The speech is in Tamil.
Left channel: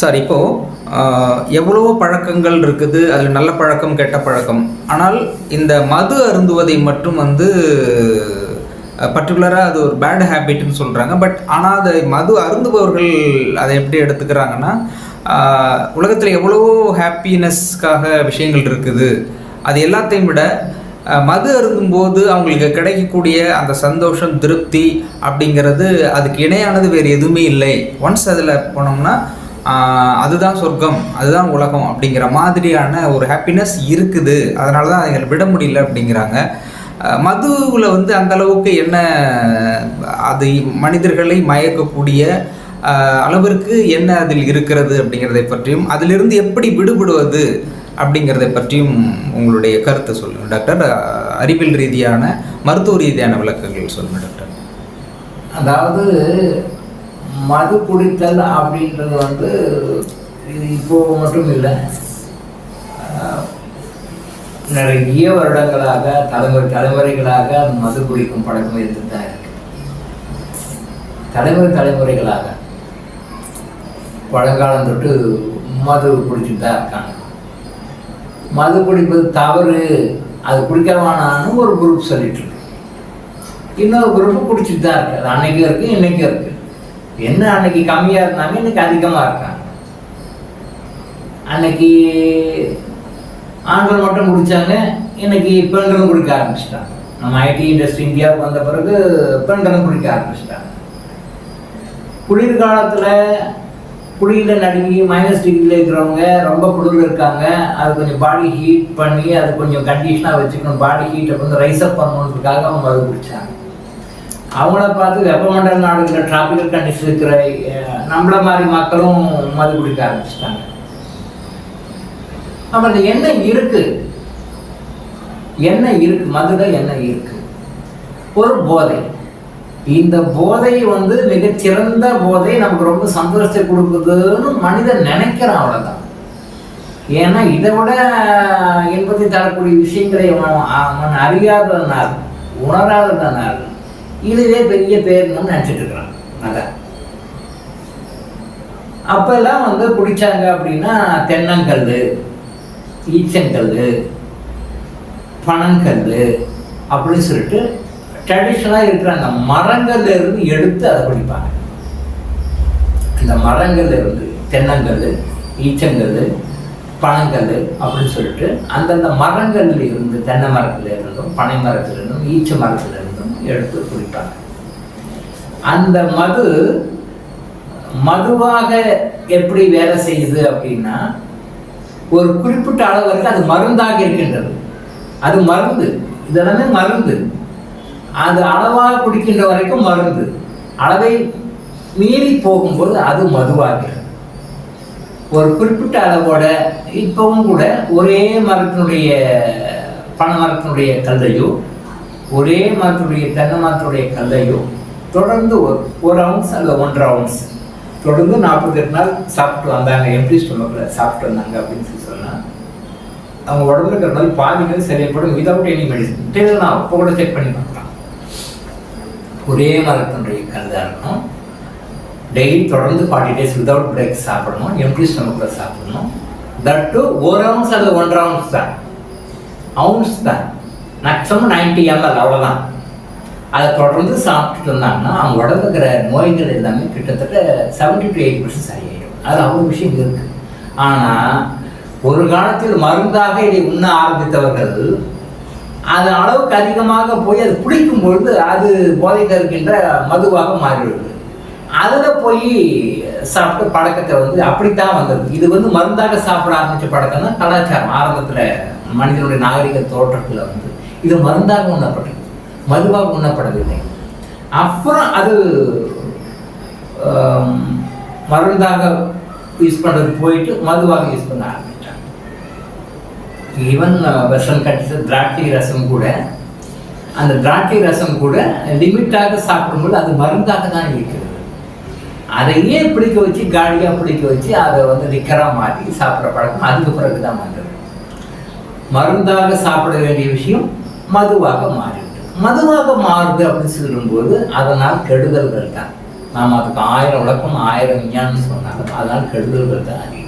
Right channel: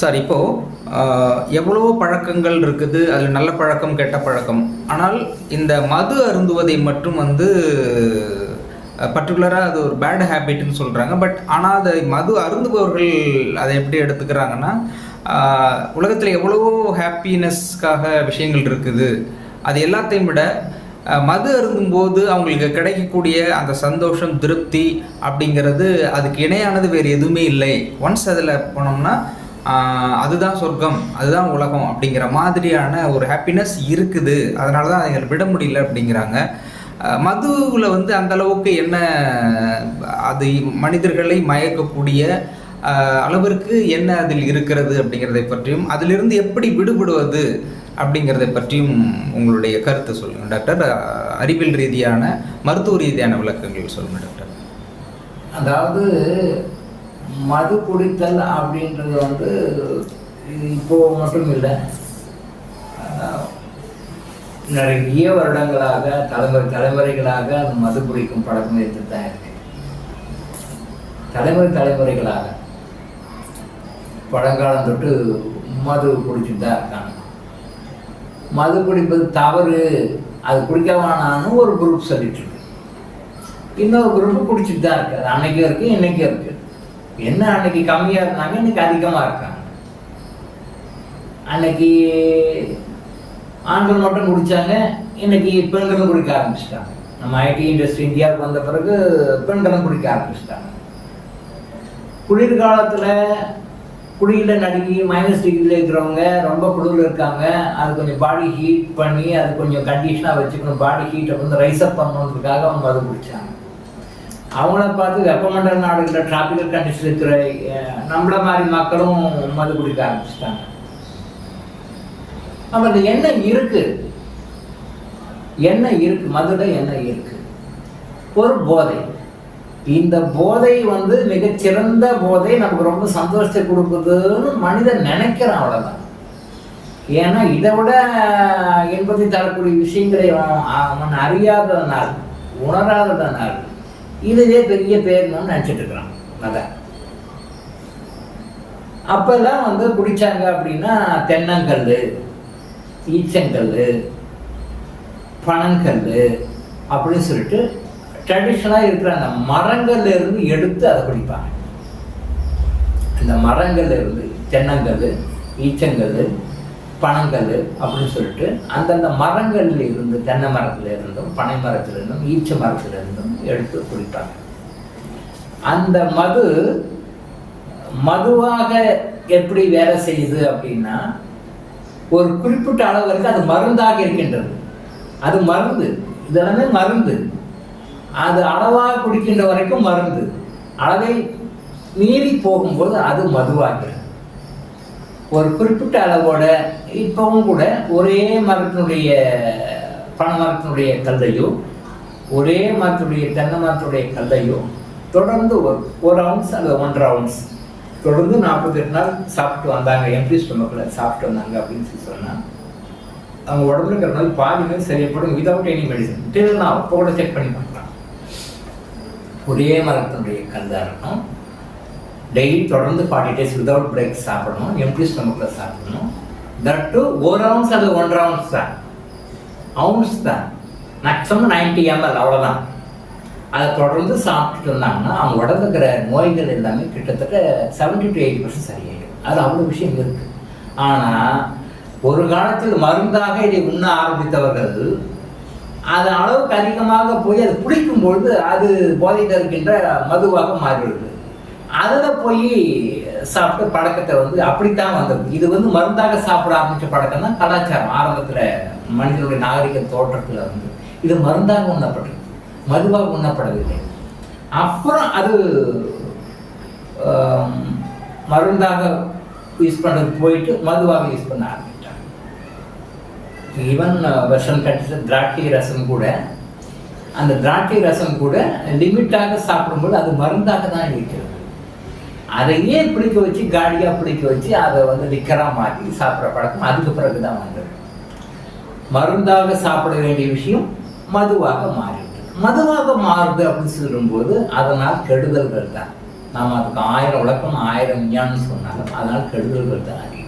சார் இப்போது எவ்வளவோ பழக்கங்கள் இருக்குது அதில் நல்ல பழக்கம் கெட்ட பழக்கம். ஆனால் இந்த மது அருந்துவதை மட்டும் வந்து பர்டிகுலராக அது ஒரு பேட் ஹேபிட்னு சொல்கிறாங்க பட் ஆனால் அதை மது அருந்துபவர்கள் அதை எப்படி எடுத்துக்கிறாங்கன்னா உலகத்தில் எவ்வளவோ ஹாப்பினஸ்க்காக விஷயங்கள் இருக்குது. அது எல்லாத்தையும் விட மது அருந்தும்போது அவங்களுக்கு கிடைக்கக்கூடிய அந்த சந்தோஷம் திருப்தி அப்படிங்கிறது அதுக்கு இணையானது வேறு எதுவுமே இல்லை. ஒன்ஸ் அதில் போனோம்னா அதுதான் சொர்க்கம் அதுதான் உலகம் அப்படிங்கிற மாதிரியான ஒரு ஹாப்பினஸ் இருக்குது. அதனால தான் அதை விட முடியல அப்படிங்கிறாங்க. மதுவில் வந்து அந்த அளவுக்கு என்ன அது மனிதர்களை மயக்கக்கூடிய அளவிற்கு என்ன அதில் இருக்கிறது அப்படிங்கிறதை பற்றியும் அதிலிருந்து எப்படி விடுபடுவது அப்படிங்கிறதை பற்றியும் உங்களுடைய கருத்தை சொல்லுங்க டாக்டர். அறிவியல் ரீதியான மருத்துவ ரீதியான விளக்கங்கள் சொல்லுங்கள் டாக்டர். அதாவது மது குடித்தல் அப்படின்றது வந்து இப்போ மட்டும் இல்லை. நிறைய வருடங்களாக தலைமுறை தலைமுறைகளாக மது குடிக்கும் பழக்கம் இருந்து தான் இருக்கு. தலைமுறை தலைமுறைகளாக. பழங்காலம் தொட்டு மது குடிச்சுட்டு தான் இருக்காங்க. மது குடிப்பது தவறு. அது குடிக்காமனான்னு ஒரு குரூப் சொல்லிட்டு இருக்கு. இன்னொரு குரூப் குடிச்சுட்டு தான் இருக்கு. அது அன்னைக்கும் இருக்கு இன்னைக்கும் இருக்கு. என்ன அன்னைக்கு கம்மியாக இருந்தாங்க? இன்னைக்கு அதிகமாக இருக்காங்க. அன்னைக்கு ஆண்கள் மட்டும் குடிச்சாங்க. இன்னைக்கு பெண்களும் குடிக்க ஆரம்பிச்சிட்டாங்க. நம்ம ஐடி இண்டஸ்ட்ரி இந்தியாவுக்கு வந்த பிறகு பெண்களும் குடிக்க ஆரம்பிச்சிட்டாங்க. குளிர்காலத்தில் குளிரில் நடுங்கி மைனஸ் டிகிரியில் இருக்கிறவங்க ரொம்ப குளிரில் இருக்காங்க. அது கொஞ்சம் பாடி ஹீட் பண்ணி அது கொஞ்சம் கண்டிஷனாக வச்சுக்கணும். பாடி ஹீட்டை வந்து ரைஸ் அப் பண்ணணுன்றதுக்காக அவங்க அது குடித்தாங்க அவங்கள பார்த்து வெப்பமண்டல நாடுகளில் டிராபிக்கல் கண்டிஷன் இருக்கிற நம்மளை நம்மள மாதிரி மக்களும் மது குடிக்க ஆரம்பிச்சிட்டாங்க. அவங்களுக்கு அந்த எண்ணெய் இருக்கு. எண்ணெய் இருக்கு மதுல எண்ணெய் இருக்கு. ஒரு போதை. இந்த போதை வந்து மிகச்சிறந்த போதை நமக்கு ரொம்ப சந்தோஷத்தை கொடுக்குதுன்னு மனிதன் நினைக்கிறான் அவ்வளோதான் ஏன்னா இதை விட இன்பத்தை தரக்கூடிய விஷயங்களை அவன் அறியாததனால் உணராததனால் இதுவே பெரிய பேர்னு நினச்சிட்டு இருக்கிறான். அதான். அப்போல்லாம் வந்து குடிச்சாங்க அப்படின்னா தென்னங்கல் ஈச்சங்கல் பனங்கல் அப்படின்னு சொல்லிட்டு ட்ரெடிஷ்னலாக இருக்கிற அந்த மரங்கள்ல இருந்து எடுத்து அதை குடிப்பாங்க அந்த மரங்கள்ல இருந்து தென்னங்கல் ஈச்சங்கல் பனங்கல் அப்படின்னு சொல்லிட்டு அந்தந்த மரங்கள்ல இருந்து தென்னை மரத்துல இருந்தும் பனை மரத்துல இருந்தும் ஈச்ச மரத்துல இருந்தும் எடுத்து குடிப்பாங்க அந்த மது மதுவாக எப்படி வேலை செய்யுது அப்படின்னா ஒரு குறிப்பிட்ட அளவு வரைக்கும் அது மருந்தாக இருக்கின்றது. அது மருந்து. இதெல்லாமே மருந்து. அது அளவாக குடிக்கின்ற வரைக்கும் மருந்து. அளவை மீறி போகும்போது அது மதுவாகிறது ஒரு குறிப்பிட்ட அளவோட இப்பவும் கூட ஒரே மரத்தினுடைய பனை மரத்தினுடைய கல்லையோ ஒரே மரத்துடைய தென்னை மரத்துடைய கல்லையோ தொடர்ந்து ஒரு ஒரு அவுன்ஸ் அல்லது ஒன்றரை அவுன்ஸ் தொடர்ந்து நாற்பத்தெட்டு நாள் சாப்பிட்டு வந்தாங்க. எப்படி சொல்லுவாங்க சாப்பிட்டு வந்தாங்க அப்படின்னு சொல்லி சொன்னால் அவங்க உடம்புல இருக்கிற நோய் பாதி வந்து சரியப்படும் விதவுட் எனி மெடிசன் தெரியலாம் அப்போ கூட செக் பண்ணி பார்க்கலாம். ஒரே மரத்தினுடைய கல் இருக்கும். டெய்லி தொடர்ந்து ஃபார்ட்டி டேஸ் விதவுட் பிரேக் சாப்பிடணும். எப்படி ஸ்டமக்கில் சாப்பிடணும். தட் டூ ஒரு அவுன்ஸ் அல்லது ஒன்றரை அவுன்ஸ் தான். அவுன்ஸ் தான். மேக்ஸிமம் நைன்டி எம்எல் அவ்வளோதான் அதை தொடர்ந்து சாப்பிட்டுட்டு இருந்தாங்கன்னா அவங்க உடம்புங்கிற இருக்கிற நோய்கள் எல்லாமே கிட்டத்தட்ட செவன்டி டு எயிட்டி பர்சன்ட் சரியாயிடும். அது அவ்வளோ விஷயம் இருக்கு. ஆனால் ஒரு காலத்தில் மருந்தாக இதை உண்ண ஆரம்பித்தவர்கள் அதன் அளவுக்கு அதிகமாக போய் அது பிடிக்கும் பொழுது அது போதையில் இருக்கின்ற மதுவாக மாறிவிடுது. அதில் போய் சாப்பிட்ட பழக்கத்தை வந்து அப்படித்தான் வந்தது. இது வந்து மருந்தாக சாப்பிட ஆரம்பித்த பழக்கம் தான் கலாச்சாரம். ஆரம்பத்தில் மனிதனுடைய நாகரிக தோற்றத்தில் வந்து இது மருந்தாக உண்ணப்பட்டது. மதுவாக உண்ணப்படவில்லை. அப்புறம் அது மருந்தாக யூஸ் பண்ணுறது போயிட்டு மதுவாக யூஸ் பண்ண ஆரம்பிச்சிட்டாங்க ஈவன் வெஸ்டர்ன் கண்ட்ரிஸ் திராட்சை ரசம் கூட அந்த திராட்சை ரசம் கூட லிமிட்டாக சாப்பிடும்போது அது மருந்தாக தான் இருக்கிறது. அதையே பிடிக்க வச்சு காடியாக பிடிக்க வச்சு அதை வந்து லிக்கராக மாற்றி சாப்பிட்ற பழக்கம் அதுக்கு பிறகு தான் வந்தது. மருந்தாக சாப்பிட வேண்டிய விஷயம் மதுவாக மாறிவிடும் மதுவாக மாறுது அப்படின்னு சொல்லும்போது அதனால் கெடுதல்கள் தான். நாம் அதுக்கு ஆயிரம் விளக்கம் ஆயிரம் விஞ்ஞானம் சொன்னாலும் அதனால் கெடுதல்கள் தான் அதிகம்.